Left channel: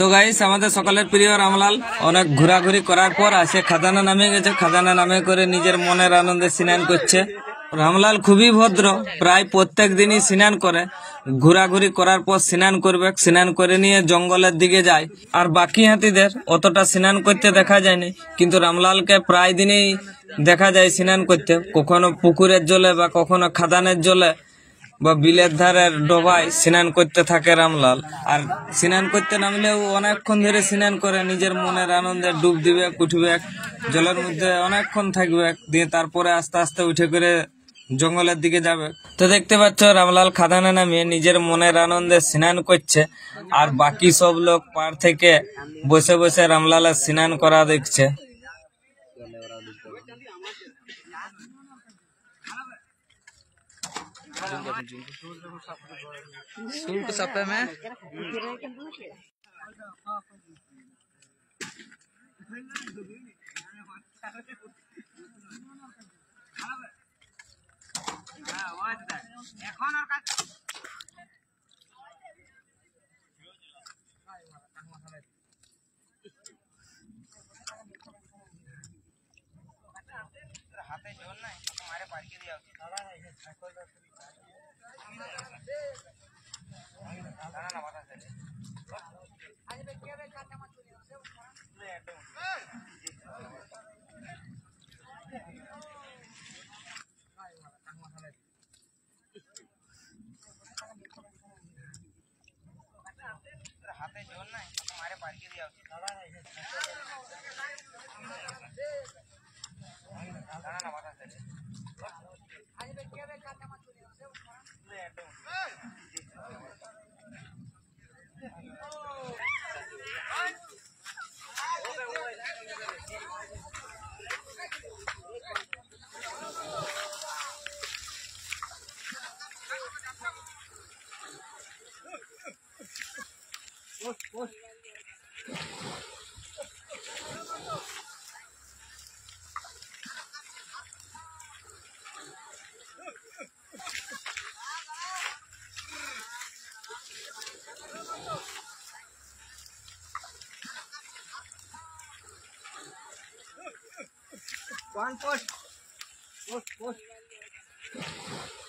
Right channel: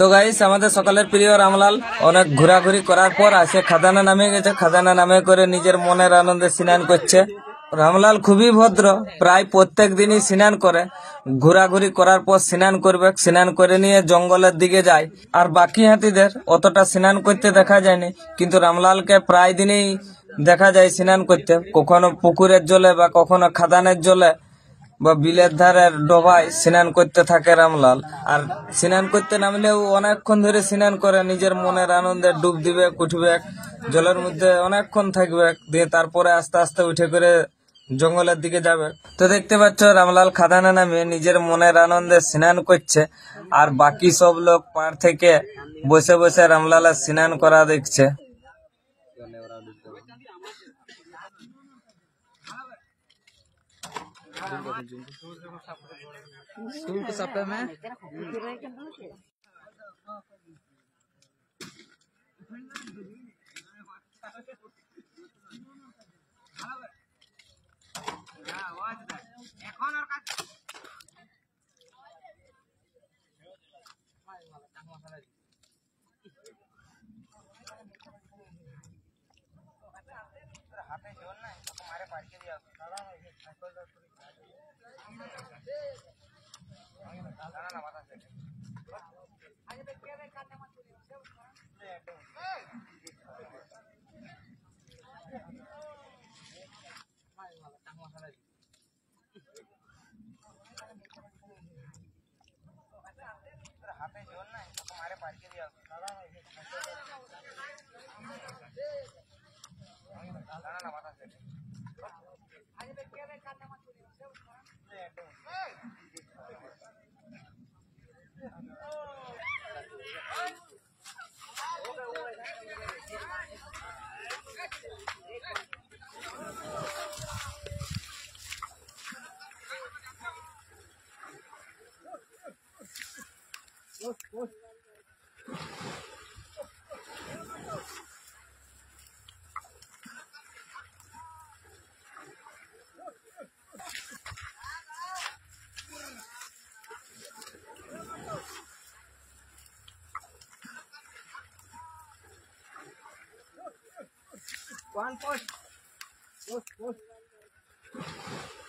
তো গাইস আমাদের সকলের প্রিয় রামলাল অনেক ঘোরাঘুরি করার পর আসে খাদানা নামে গেছে। খাদানা নামে করে নিজের মনের আনন্দে স্নান করছে। রামলাল খুবই ভদ্র, প্রায় প্রত্যেক দিনই স্নান করে। ঘোরাঘুরি করার পর স্নান করবে, স্নান করে নিয়ে জঙ্গলের দিকে যায়। আর বাকি হাতিদের অতটা স্নান করতে দেখা যায়নি, কিন্তু রামলালকে প্রায় দিনই দেখা যায় স্নান করতে, কখনো পুকুরের জলে বা কখনো খাদানের জলে বা বিলের ধারের ডোবায় স্নান করতে থাকে রামলাল। আর স্নান করতে নামলেও অনেকক্ষণ ধরে স্নান করে, নিজের মনের আনন্দে ডুব দিবে, উঠবে, জলের মধ্যে অনেকক্ষণ থাকবে, দিয়ে তারপরে আস্তে আস্তে উঠে করে জঙ্গলের দিকে যাবে। তো দেখতে পাচ্ছ রামলাল খাদানে নামিয়ে নিজের মনের আনন্দে স্নান করছে, আর বাকি সব লোক পাড় থেকে বসে বসে রামলালের স্নান করা দেখছে। शुल्क सपे में हाथे जोड़ ना तुम्हारे पार के दिया हाथे जोड़ ना तुम्हारे पार के दिया One push. Push.